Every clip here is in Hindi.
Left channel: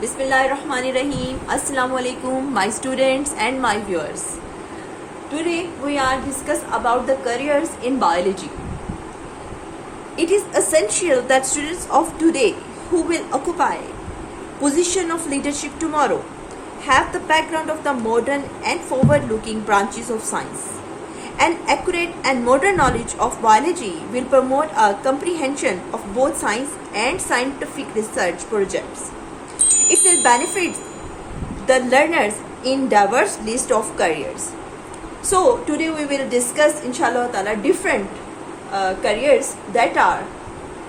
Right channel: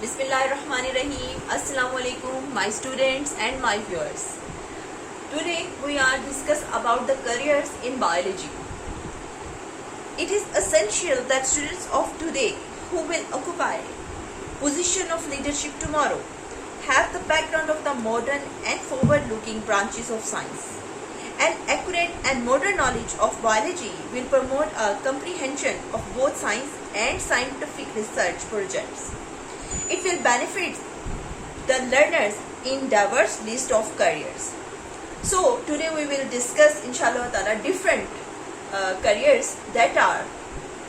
Bismillahirrahmanirrahim. Assalamu alaikum, my students and my viewers. Today we are discuss about the careers in biology. It is essential that students of today who will occupy position of leadership tomorrow have the background of the modern and forward-looking branches of science. An accurate and modern knowledge of biology will promote a comprehension of both science and scientific research projects. It will benefit the learners in diverse list of careers. So today we will discuss inshallah ta'ala different careers that are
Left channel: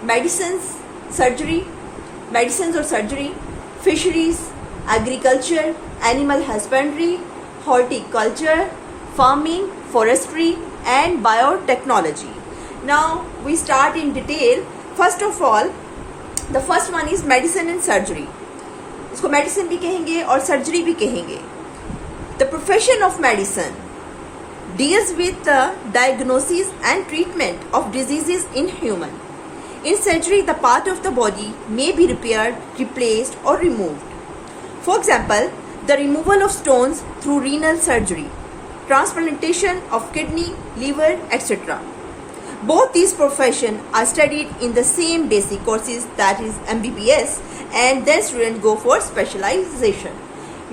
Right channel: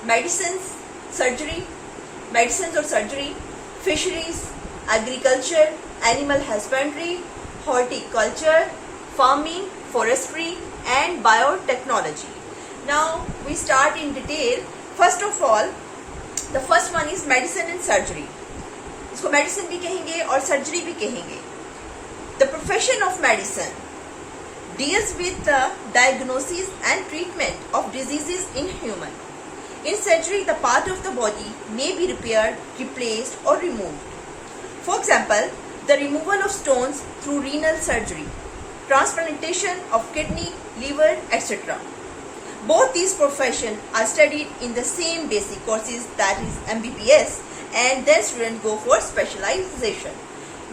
medicines or surgery, fisheries, agriculture, animal husbandry, horticulture, farming, forestry and biotechnology. Now we start in detail. First of all, the first one is medicine and surgery. इसको मेडिसिन भी कहेंगे और सर्जरी भी कहेंगे. The profession of medicine deals with the diagnosis and treatment of diseases in human. In surgery the part of the body may be repaired, replaced और removed. For example, the removal of stones through renal surgery, transplantation of kidney, liver, etc. Both these professions are studied in the same basic courses, that is MBBS, and then students go for specialization.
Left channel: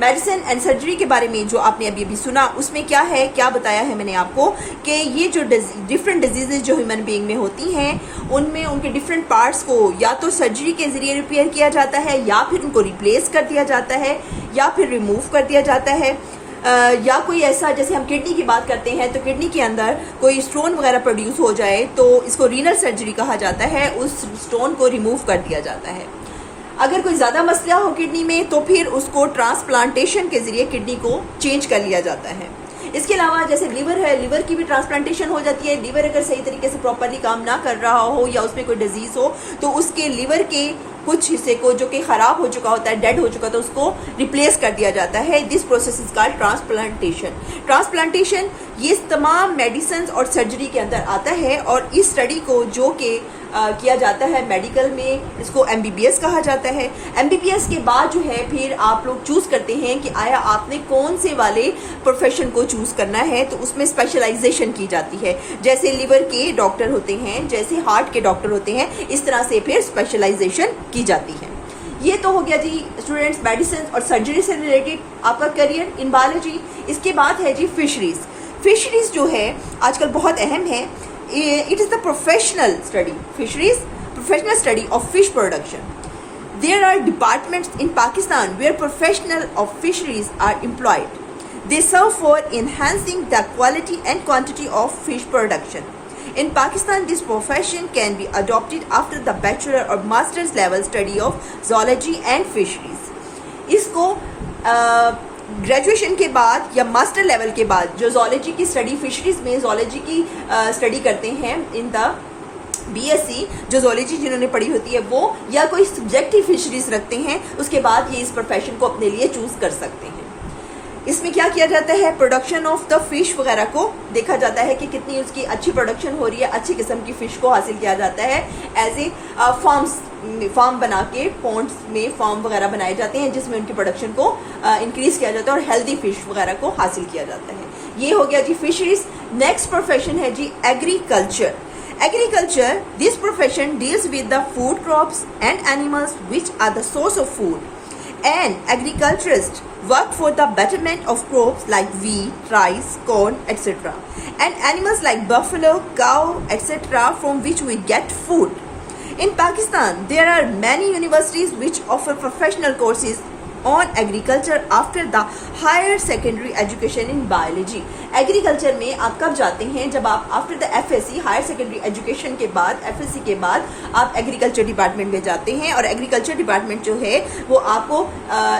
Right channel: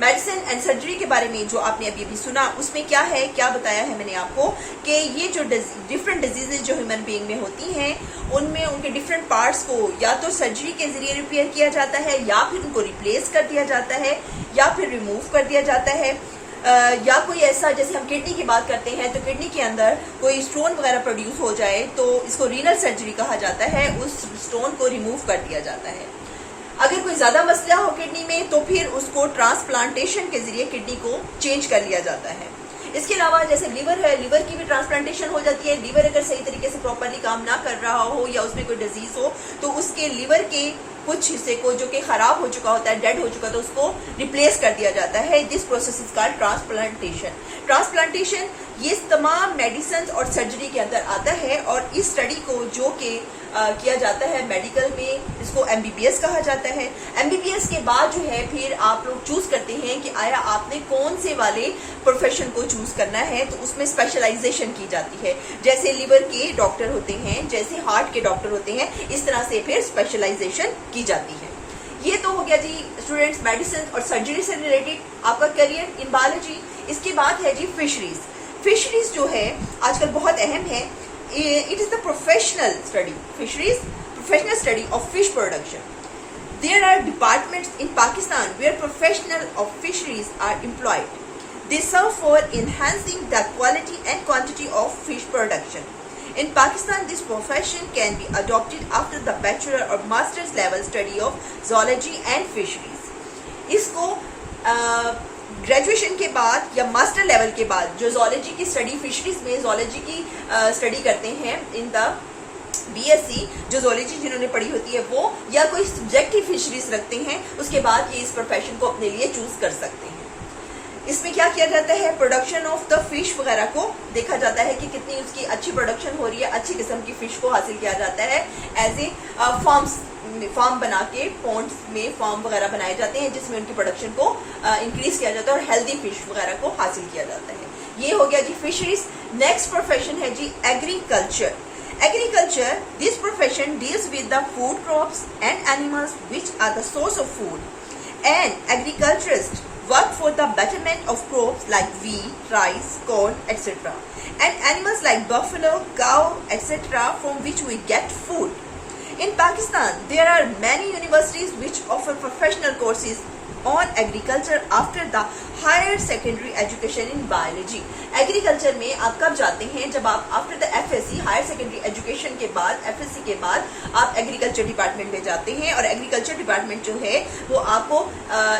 Medicine and surgery के बारे में जो आपने अभी सुना, उसमें क्या है, क्या बताया है मैंने आपको कि ये जो डिफरेंट डिजीजेज जो ह्यूमन बीइंग में होती हैं, उनमें उनके डिफरेंट पार्ट्स को या तो सर्जरी के जरिए रिपेयर किया जाता है, या फिर उनको रिप्लेस कर दिया जाता है, या फिर रिमूव कर दिया जाता है, या कोई ऐसा, जैसे हम किडनी की बात करते हैं तो किडनी के अंदर कोई स्टोन वगैरह प्रोड्यूस हो जाए तो इसको रीनल सर्जरी कहा जाता है, उस स्टोन को रिमूव कर दिया जाता है. अगर कोई ज्यादा मसला हो किडनी में तो फिर उसको ट्रांसप्लांटेशन के जरिए किडनी को चेंज कर लिया जाता है. इसके अलावा जैसे लिवर है, लिवर की भी ट्रांसप्लांटेशन हो जाती है. लिवर अगर सही तरीके से प्रॉपरली काम ना कर रहा हो या उसमें कोई डिजीज हो तो उसके लिवर के कुछ हिस्से को जो कि खराब हो चुका होता है, डेड हो चुका, तो उसको रिप्लेस कर दिया जाता है. This process is called transplantation. Transplantation ये तमाम मेडिसिन और सर्जरी के अंदर आता है और इस स्टडी को जो कि किया जाता है मेडिकल में, इसको MBBS कहा जाता है. MBBS के बाद जो है फिर आप लोग चूज करते हैं कि आया आपने कौन से वाले प्रोफेशन को चूज करना है, तो उसमें स्पेशलाइजेशन की जाती है. जैसे लिवर के डॉक्टर होते हैं, जैसे हार्ट के डॉक्टर होते हैं, इस तरह से फिर स्पेशलाइजेशन की जाती है. ये तो हो गया जी स्टूडेंट्स मेडिसिन और सर्जरी से रिलेटेड आपका करियर इन बायोलॉजी. इसके बाद है जी फिशरीज. फिशरीज जो है आजकल बहुत अहम है. It is the professional study. Fisheries, professional study of fish production. There are departments in Pakistan where professionals of fisheries are employed. They serve for enhancing the quality and quantity of fish production. In Pakistan, this profession can be adopted after the bachelor or master's level study of zoology and fisheries. इसको ग्रेजुएशन के बाद या मास्टर लेवल के बाद जो जोलॉजी की स्टडी, फिशरीज में जोलॉजी की स्टडी करते हैं इन द BSc, जो जोलॉजी जिन्होंने पढ़ी होती है वो, या कोई सब्जेक्टिव फिशरीज रखते हैं, उसके बाद ये इस प्रोफेशन को अपने लिए चूज कर सकते हैं. इसमें क्या किया जाता है, प्रोडक्शन ऑफ द फिश वगैरह को देखा जाता है कि कितनी उसकी अच्छी प्रोडक्शन हो रही है, अच्छी किस्म की फिश को हासिल किया जाता है. एज ए फार्म बना के पॉन्ड्स में फार्म वगैरह बनाए जाते हैं जिसमें उनकी प्रोडक्शन को इंक्रीज किया जाता है और हेल्दी फिश वगैरह को हासिल किया जाता है. ये हो गया जी फिशरीज. नेक्स्ट प्रोफेशन है जी agriculture. Agriculture, this profession deals with the food crops and animals which are the source of food. And agriculturists work for the betterment of crops like wheat, rice, corn, etc. and animals like buffalo, cow, etc. from which we get food. In Pakistan, there are many universities which offer professional courses on agriculture after the higher secondary education in biology. Agriculture में आप कब जाते हैं, जब आप after the FSc higher secondary education के बाद, FSc के बाद आप एग्रीकल्चर डिपार्टमेंट में जाते हैं. और एग्रीकल्चर डिपार्टमेंट जो है वो आपको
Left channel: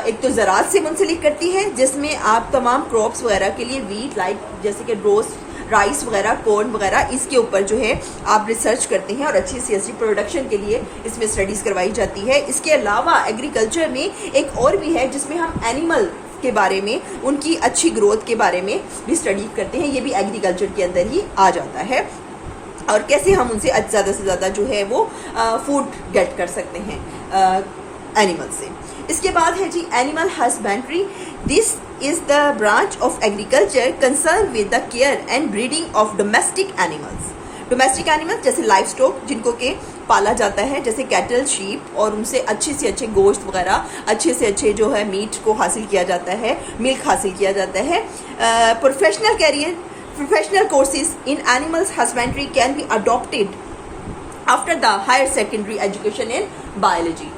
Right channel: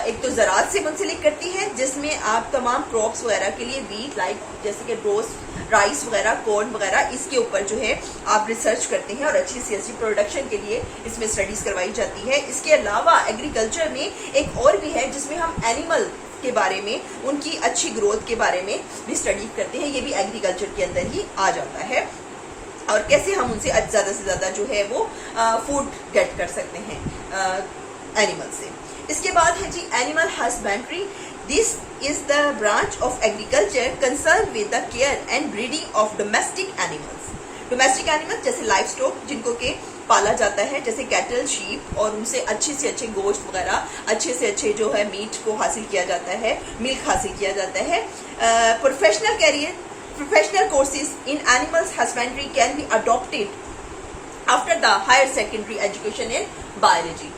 एक तो ज़राअत से मुंसलिक करती है जिसमें आप तमाम क्रॉप्स वगैरह के लिए वीट, लाइक जैसे कि रोस्ट, राइस वगैरह, कॉर्न वगैरह, इसके ऊपर जो है आप रिसर्च करते हैं और अच्छी सी अच्छी प्रोडक्शन के लिए इसमें स्टडीज करवाई जाती है. इसके अलावा एग्रीकल्चर में एक और भी है जिसमें हम एनिमल के बारे में, उनकी अच्छी ग्रोथ के बारे में भी स्टडी करते हैं. ये भी एग्रीकल्चर के अंदर ही आ जाता है. और कैसे हम उनसे ज़्यादा से ज़्यादा जो है वो फूड गेट कर सकते हैं. एनिमल से। इसके बाद है जी animal husbandry. This is the branch of agriculture concern with the care and breeding of domestic animals. Domestic animals जैसे लाइफ स्टॉक जिनको के पाला जाता है, जैसे कैटल, शीप, और उनसे अच्छे से अच्छे गोश्त वगैरह, अच्छे से अच्छे जो है मीट को हासिल किया जाता है, मिल्क हासिल किया जाता है। Professional career, professional courses in animals husbandry can be adopted after the higher secondary education in biology.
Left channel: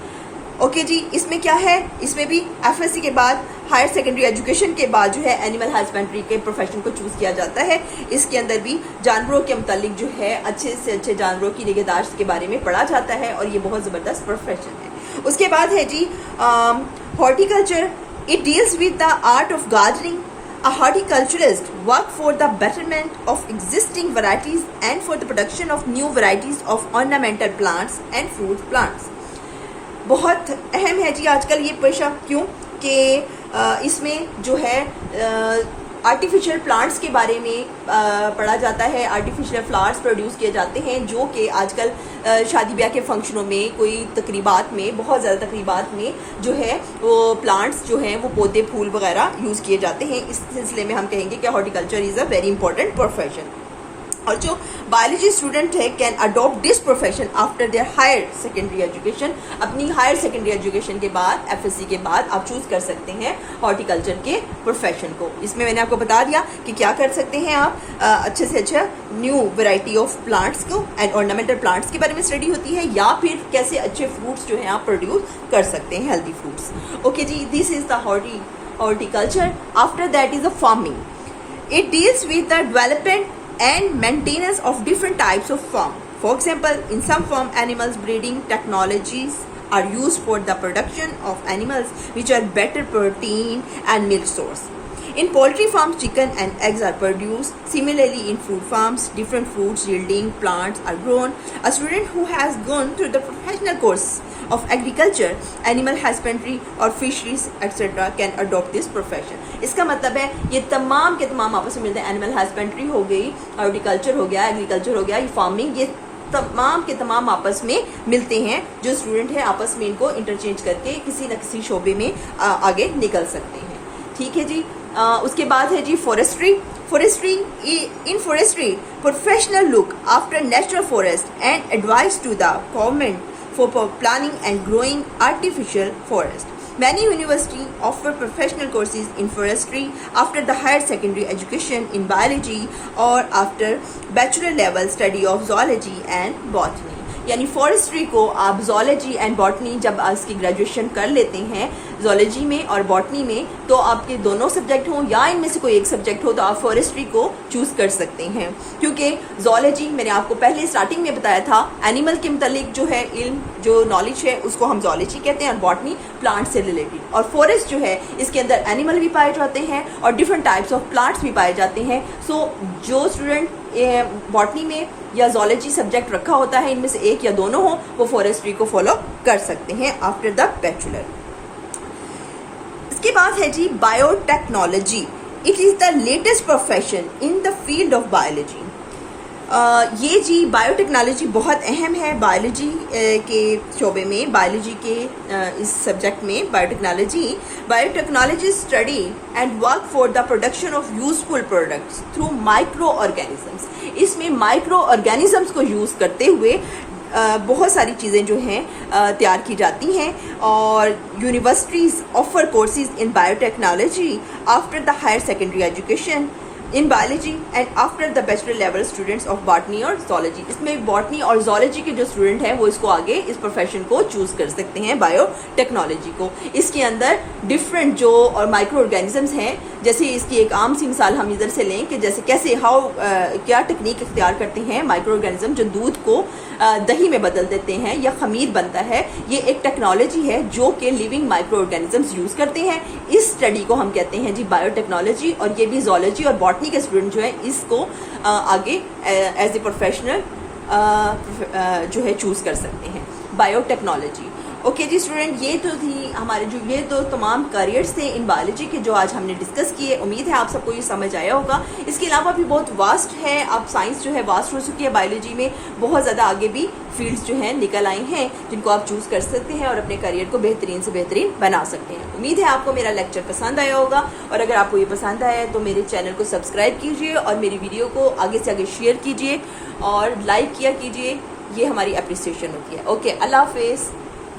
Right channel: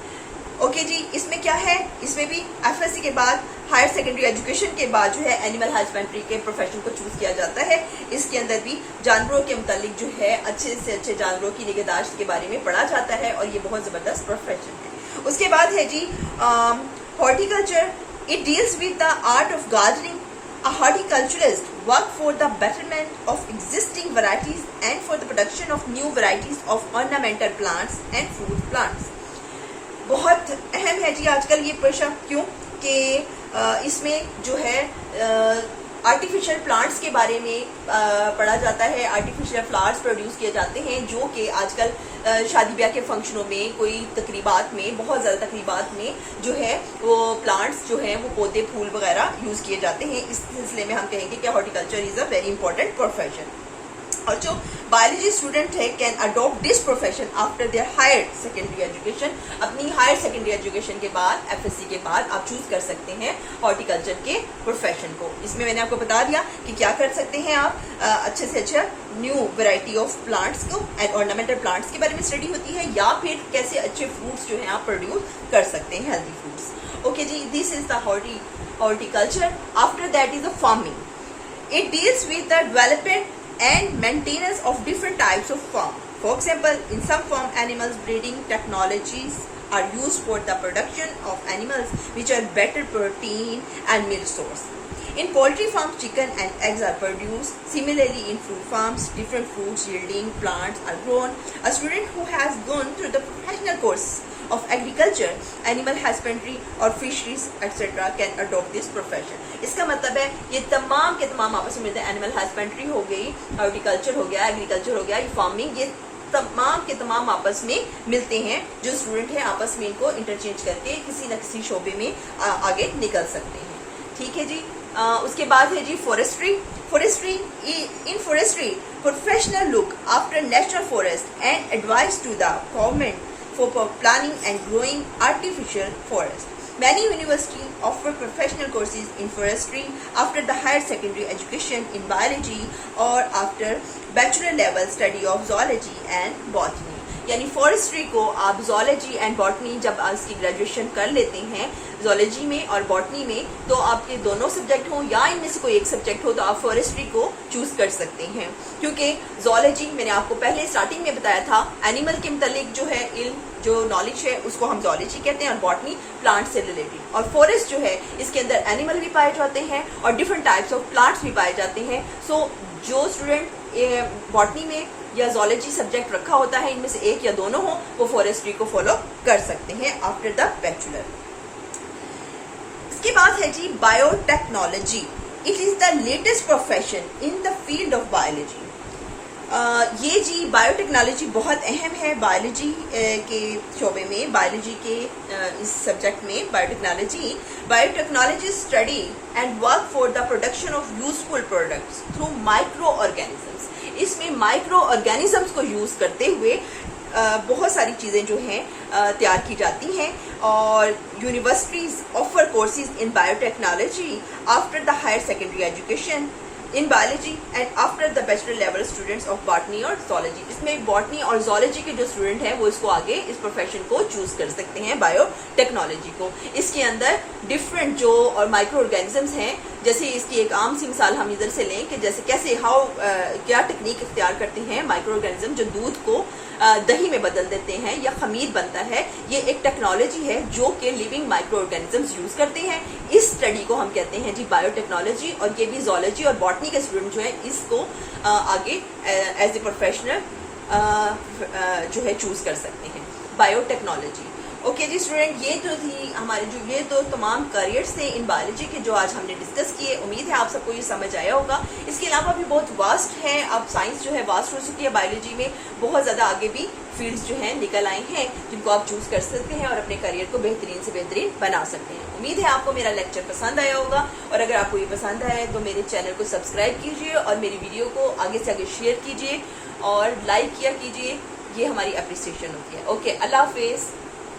Okay जी, इसमें क्या है, इसमें भी एफएससी के बाद हायर सेकेंडरी एजुकेशन के बाद जो है एनिमल हस्बेंड्री के प्रोफेशन को चूज किया जाता है। इसके अंदर भी जानवरों के मुतालिक जो है अच्छे से अच्छे जानवरों की निगहदाश्त के बारे में पढ़ा जाता है और ये बहुत ज़बरदस्त प्रोफेशन है। उसके बाद है जी horticulture. It deals with the art of gardening. A horticulturist work for the betterment of existing varieties and for the production of new varieties of ornamental plants and fruit plants. बहुत अहम है जी आजकल ये पेशा, क्यों कि इसमें जो है आर्टिफिशियल प्लांट्स के बारे में पढ़ा जाता है। आर्टिफिशियल फ्लावर्स प्रोड्यूस किए जाते हैं जो कि आजकल शादी ब्याह के फंक्शनों में, कोई तकरीबात में, बहुत ज़्यादा तकरीबात में जो है वो प्लांट्स जो हैं वो पौधे फूल वगैरह यूज़ किए जाते हैं। इस सिलसिले में हम कहेंगे कि horticulture is a very important profession. और जो बायोलॉजी स्टूडेंट है can adopt this profession after their higher secondary education. अपनी हायर सेकेंडरी एजुकेशन के बाद, एफएससी के बाद आप चूज कर सकते हैं हॉर्टिकल्चर के प्रोफेशन को। इसमें मैंने आपको बता दिया कि क्या कर सकते हैं आप, अच्छे से अच्छा न्यू वैरायटी ऑफ प्लांट्स को एंड ऑर्नामेंटल प्लांट्स के बारे में स्टडी होती है, या फिर कैसे अच्छे फ्रूट्स जो हैं आप प्रोड्यूस कर सकते हैं, हेल्दी फ्रूट्स। ओके जी, this is the horticulture. After that is the farming. It deals with the development and maintenance of different types of farm. For example, in some farm animals breeding technologies are used for the production of animals which are better protein and milk source. In poultry farms, chicken and eggs are produced. Similarly, in fruit farms, different fruits yielding plants are grown. A student who has gone through the professional course of agriculture, animal husbandry और fisheries etc. can adopt this profession. इसका मतलब है ये तमाम के तमाम आपस में मिलते हैं। एनिमल हस्बेंड्री हो गई, हॉर्टिकल्चर हो गया, एग्रीकल्चर हो गया, ये फार्मिंग, ये तमाम के तमाम आपस में मिलते हैं। जो स्टूडेंट है आपस में इनको इंटरचेंज करके किसी न किसी शोबे में आगे निकल सकते हैं। ठीक है जी। उसके बाद है जी forestry. In forestry professional look after natural forest and advice to the government for planning and growing artificial forest. Many universities offer professional courses in forestry after the higher secondary education in biology or after bachelor level study of zoology and botany. यानी फॉरेस्ट्री को आप जोलॉजी एंड बॉटनी जब इसकी ग्रेजुएशन कर लेते हैं, जोलॉजी में और बॉटनी में, तो आपके दोनों सब्जेक्ट हो या इनमें से कोई एक सब्जेक्ट हो तो आप फॉरेस्ट्री को चूज कर सकते हैं। क्योंकि जोलॉजी मैंने आपको पहले स्टार्टिंग में बताया था, एनिमल के मुतालिक जो है इल्म, जो नॉलेज है उसको हम जोलॉजी कहते हैं, और बॉटनी प्लांट से रिलेटेड, और फॉरेस्ट जो है इसके अंदर एनिमल भी पाए जाते हैं और डिफरेंट टाइप्स ऑफ प्लांट्स भी पाए जाते हैं। सो जो स्टूडेंट बॉटनी में या जोलॉजी सब्जेक्ट रखा होता है, इनमें से एक या दोनों हो, वो फॉरेस्ट्री को फॉलो कर सकते हैं आफ्टर द बैचलर। इसके बाद है जी biotechnology. It is the latest profession in the field of biology. ये जी बायोटेक्नोलॉजी बहुत अहम है बायोलॉजी के शोबे में, बायोलॉजी के इस सब्जेक्ट में। Biotechnology study and work for the production of useful products through micro organisms. इसमें माइक्रो ऑर्गेनिजम्स को यूज करते हुए बहुत सारी चीज़ें जो हैं तैयार की जाती हैं, और universities offer courses in biotechnology after the higher secondary education in biology and after the bachelor level students of botany और जोलॉजी। इसमें बॉटनी और जोलॉजी के जो स्टूडेंट हैं वो इसको आगे इस प्रोफेशन को चूज कर सकते हैं, बायोटेक्नोलॉजी को। इसके अंदर डिफरेंट जो और माइक्रो ऑर्गेनिजम्स हैं, जैसे इसकी एक आम सी मिसाल हम इधर से लें कि जैसे कैसे क्या टेक्निक इख्तियार करते हैं माइक्रो ऑर्गेनिज्म जो दूध को दही में बदल देते हैं या खमीर बनता है। ये एक टेक्नोलॉजी है जो कि लिविंग माइक्रो ऑर्गेनिजम्स यूज करते हैं। इस स्टडी को हम कहते हैं जी बायोटेक्नोलॉजी, और ये भी जोलॉजी और बॉटनी के स्टूडेंट जो है इसको आगे एज ए प्रोफेशनल जो है चूज कर सकते हैं बायोटेक्नोलॉजी। ओके जी स्टूडेंट, ये तो थी हमारे जो ये दो तमाम करियर्स थे इन बायोलॉजी के जो आज हमने डिस्कस किए। उम्मीद है आप सबको ये समझ आया होगा। इसके अलावा भी बहुत वास्ट है, अब साइंस जो है वास्ट हो चुकी है, बायोलॉजी में बहुत ज़्यादा आगे भी फील्ड्स जो हैं निकल आई हैं जिनको आप चूज कर सकते हैं और अपने करियर को बेहतरीन से बेहतरीन बना सकते हैं। उम्मीद है आपको मेरा लेक्चर पसंद आया होगा, और अगर आपको ये पसंद आया है तो मेरे चैनल को सब्सक्राइब कीजिए और मेरी वीडियो को आगे से आगे शेयर कीजिए और लाइक किया कीजिए। ये हमारी अप्रिसिएशन होती है। ओके, अल्लाह हाफिज़।